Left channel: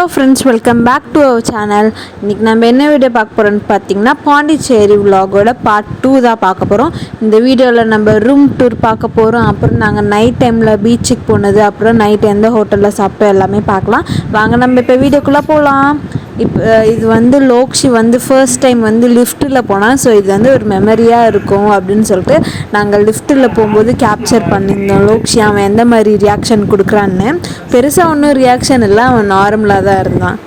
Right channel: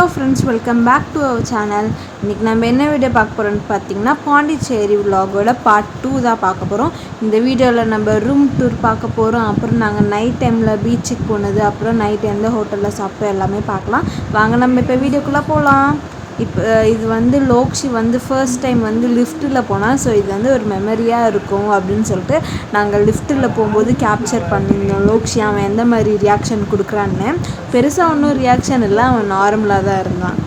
Hello friends, welcome back to our channel. இன்றைக்கி நம்ம என்ன வீடியோ பார்க்க போகிறோம்னு பார்த்தீங்கன்னா பாண்டிச்சேரி விலாகோட பார்ட் 2 தான் பார்க்க போகிறோம். இந்த வீடியோவில் நம்ம ரூம் டூர் பார்க்க போகிறோம். அப்புறம் நாங்கள் நைட் டைமில் பீச்சுக்கு போனது, அப்புறம் நைட் எந்த ஹோட்டலில் சாப்பிட்டோம் எல்லாமே பார்க்கலாம். வாங்க நம்ம இப்போ வீடியோக்குள்ளே போகலாம். இப்போ இது லோக்ஷி ஃபர்ஸ்ட் டைம் லிஃப்ட்டில் போனால், ஸோ இது ஒரு மெமரியாக இருக்கும் அப்படின்னு சொல்லிட்டு நாங்கள் லிஃப்ட்டில் போகும்போது கேப்சர் பண்ணியிருந்தோம் லோக்ஷி அவன் எந்த மாதிரி ரியாக்ஷன் கொடுக்குறான்னு. பெருசாக ஒன்றும் ரியாக்ஷன் இல்லை, அவன் நார்மலாக தான் இருந்தான்.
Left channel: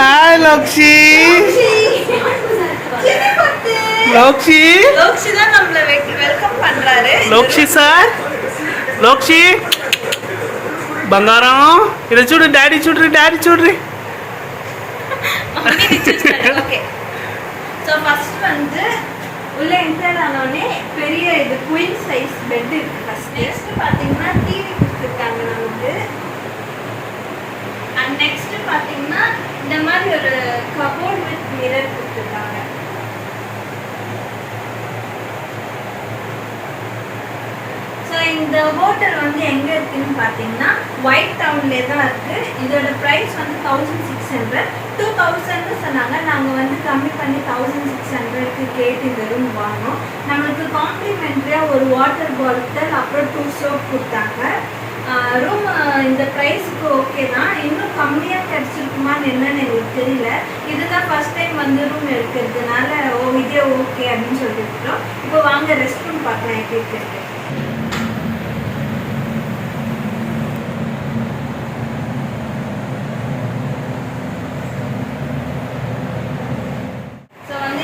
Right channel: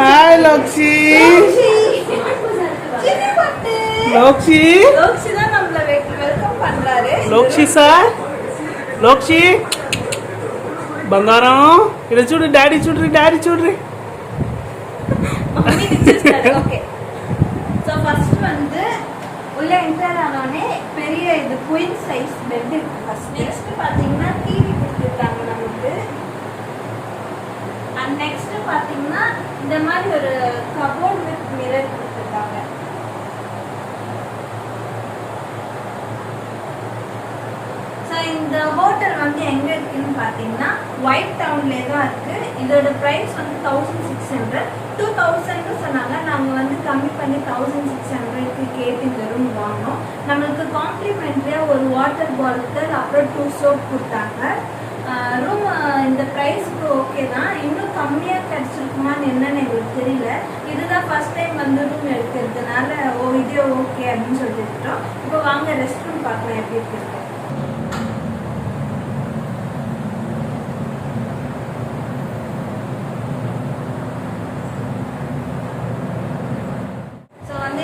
ஹாய் லோக்ஷி. லோக்ஷி லோக்ஷி தான் நம்மள வெல்கம் பண்றாரு. லோக்ஷி சார், லோக்ஷி బంగారం ఇలా చూడు, డాడీ చూడ్రి, డాడీ చూడ్రి. ஓகே, சோ ஃபர்ஸ்ட் உள்ள என்டர் ஆனோனே பெரிய இது குயின் சைஸ் பெட் இருக்கு. ஃபர்ஸ்ட் நெக்ஸ்ட் பாத்தீங்கன்னா டிவி கொடுத்துருக்காங்க நமக்கு. அண்ட் நெக்ஸ்ட் பாத்தீங்கன்னா இந்த மாதிரி ஒரு கபோர்ட் வித் மிரர் கொடுத்துருக்காங்க. இந்த ஹோட்டல் எங்க இருக்குன்னு பாத்தீங்கன்னா ஒயிட் டவுன்ல தான் இருக்கு. இதோட பிரைஸ் 1600, 2000 சொன்னாங்க. நாங்க கம்மி பண்ணி 1600க்கு கேட்டு இந்த ரூம் வாங்கினோம். நம்மளுக்கு காம்ப்ளிமெண்ட்ரியா ஒரு வாட்டர் பாட்டில் அப்புறம் 2 சோப் கொடுத்தாங்க. ரூம் இந்த ப்ரைஸுக்கு ஓகே தான். இன்னும் கம்மியாக கிடச்சிருக்குமான்னு என்னன்னு எங்களுக்கு தெரியல. இதுதான் ஃபர்ஸ்ட் டைம் ரூம் எடுக்கிறதுனால இதே ஓகே அப்படின்னு சொல்லிவிட்டோம். இப்போ வாங்க ரெஸ்ட் ரூம் பார்க்கலாம் எப்படி இருக்கு.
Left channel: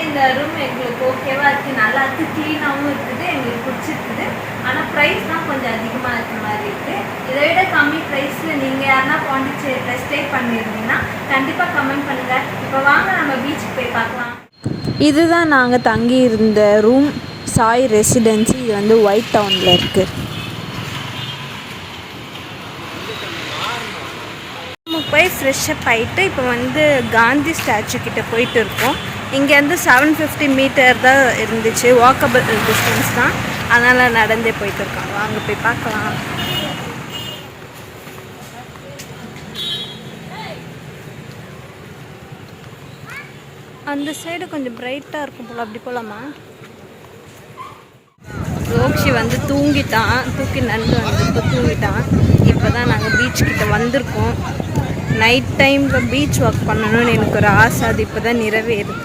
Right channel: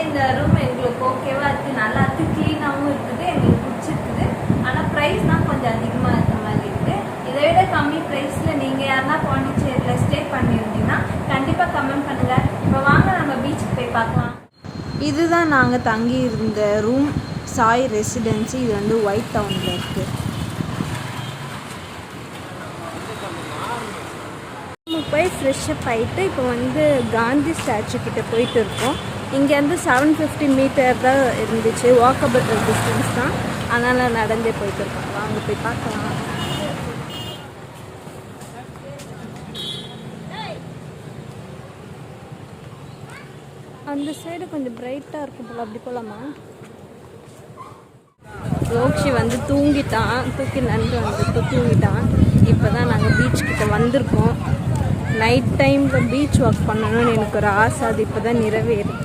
இந்த ரூம் எங்களுக்கு ஓகேவா இருக்குது, நல்லா இருக்குது, க்ளீனாகவும் இருக்குது, எங்களுக்கு பிடிச்சிருக்குது. ஆனால் ப்ரைஸ் தான் கொஞ்சம் அதிகமாக இருக்கிற மாதிரி இருக்குது. இதை விட கம்மி ப்ரைஸில் நீங்கள் யாருன்னா பாண்டிச்சேரியில் ஸ்டே பண்ணியிருந்தீங்கன்னா கண்டிப்பாக கமெண்ட் பண்ணுங்கள். இப்போ வாங்க நம்ம பீச்சுக்கு போய் பார்க்கலாம். இதுதான் நாங்கள் தங்கி இருந்த ரூம், சாய் ரெசிடென்சி. இது ஒயிட் டவுனில் இருக்குது. போய் ஃப்ரெஷ்ஷப் ஆகிட்டு இப்போ காந்தி ஸ்டாச்சு கிட்டே போயிட்டு இருக்கோம். இங்கேருந்து 750 மீட்டர் தான் இருந்துச்சு, வாக்கபிள் டிஸ்டன்ஸ் தான். அதனால் நடந்தே போயிட்டு இருக்கோம். வாங்க போய் பார்க்கலாம். அந்த சைடு கொஞ்சம் பிரைட்டாக இருக்கும் போல், அப்படி போகலாமா? லோக்ஷி தூங்கிட்டான், தூக்கி நண்டு இப்போ தூங்கிட்டான். இப்போ தான் நாங்கள் பீச் கிட்ட வந்திருக்கோம். நைட் டைமில் பீச் வாக் பண்ணணும்னு எனக்கு ஒரு ஆசை, அது இப்போ தான் நிறைவேறுது.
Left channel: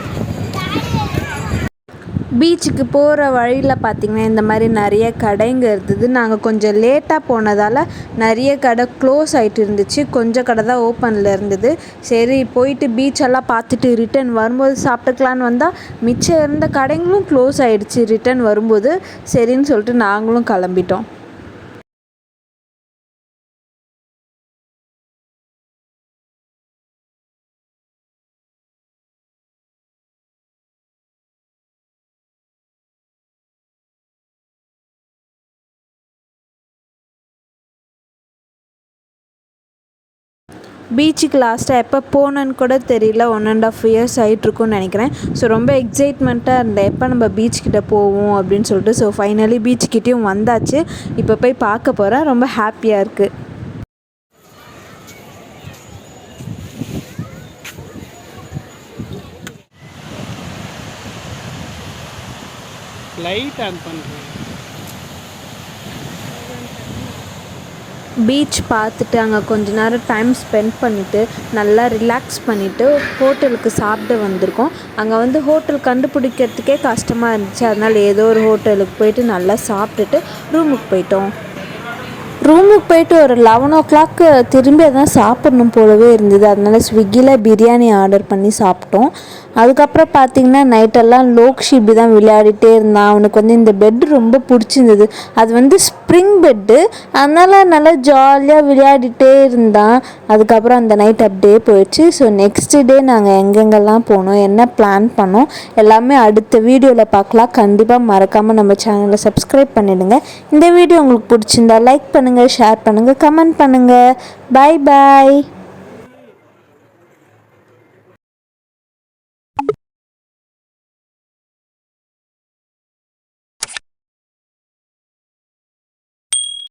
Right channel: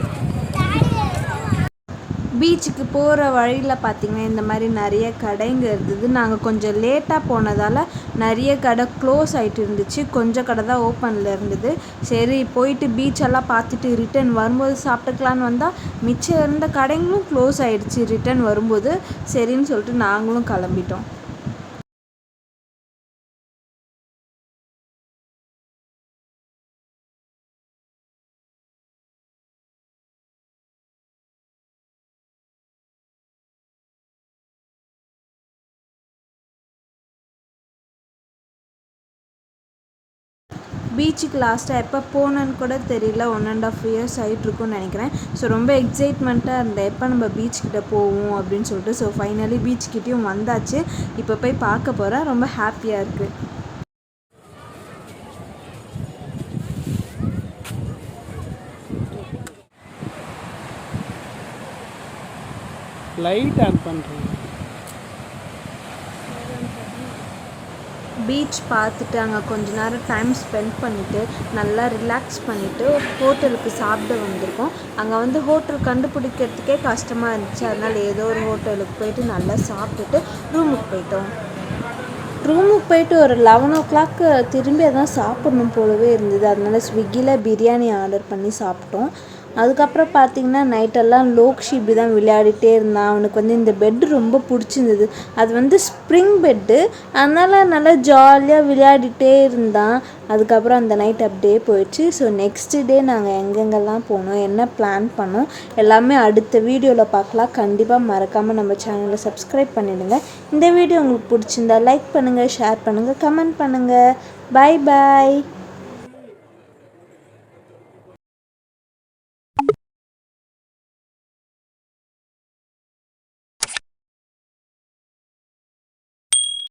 பீச்சுக்கு போகிற வழியில் பார்த்திங்கன்னா இந்த மாதிரி நிறைய கடைங்க இருந்தது. நாங்கள் கொஞ்சம் லேட்டாக போனதால் நிறைய கடை க்ளோஸ் ஆகிட்டு இருந்துச்சு, கொஞ்சம் கடை தான் ஓப்பனில் இருந்தது. சரி போயிட்டு பீச்செல்லாம் பார்த்துட்டு ரிட்டன் வரும்போது சாப்பிட்டுக்கலான்னு வந்தால் மிச்சம் இருந்த கடைங்களும் க்ளோஸ் ஆகிடுச்சு ரிட்டன் வரும்போது. சரின்னு சொல்லிட்டு நாங்களும் கிளம்பிட்டோம். பீச்சுக்கு லாஸ்ட்டாக எப்போ போனேன்னு கூட தெரியல, 1.5 years ஆகிட்ருக்குன்னு நினைக்கிறேன். ஸோ ரொம்ப எக்ஸைட்மெண்ட்டாக இருந்தேன், எப்போ நம்ம பீச்சுக்கிட்ட போவோம் அப்படின்னு சொல்லிட்டு. ஸோ ஃபைனலி பீச்சுக்கிட்டேயும் வந்தாச்சு. இப்போ போய் பார்க்க போகிறேன், ரொம்ப ஹாப்பியாக இருக்குது. லைட் ஆன் பண்ணுறேன். பீச் பார்த்துட்டு அங்கே கொஞ்ச நேரம் டைம் ஸ்பெண்ட் பண்ணிவிட்டு நல்லா ரிலாக்ஸ் பண்ணிவிட்டு ஹோட்டலுக்கு சாப்பிட வந்திருக்கோம். அங்கே ஹோட்டல் கண்டுபிடிக்கிறதுக்கே கஷ்டமாக இருந்துச்சு. அதனால் ஏதோ ஒரு ஹோட்டலுக்கு போயிட்டு நல்லா சாப்பிட்டுட்டு ரூமுக்கு போயிட்டோம். ரூமுக்கு போயிட்டு ஒரு 11 o'clock திரும்பி தான் சாப்பிட்ணும் போலவே இருந்தது. அதனால் ஸ்விக்கியில் பிரியாணி ஆர்டர் பண்ணி சாப்பிட்டோம். அதுக்கப்புறம் பார்த்திங்கன்னா நைட்டெல்லாம் லோக்ஷி இப்படி தான் விளையாடிட்டே இருந்தான். அவனுக்கு வந்து இந்த பெட்டு ரொம்ப பிடிச்சிருந்தது. அது வந்து ஸ்ப்ரிங் பெட்டு, அதனால் நல்லா ஜாலியாக விளையாடிட்டே இருந்தான். அதுக்கப்புறம் அந்த நைட் அப்படியே போயிடுச்சு. ஸோ நெக்ஸ்ட் டே நாங்கள் எங்கெங்கெல்லாம் போனோம், என்ன பிளான் பண்ணோம் எல்லாமே அடுத்த வீடியோவில் பார்க்கலாம். கண்டிப்பாக மறக்காமல் நம்ம சேனலை சப்ஸ்கிரைப் பண்ணிடுங்க. இந்த வீடியோ உங்களுக்கு பிடிச்சிருந்தா லைக் பண்ணுங்கள், ஷேர் பண்ணுங்கள், கமெண்ட் பண்ணுங்கள். பாய் பாய்.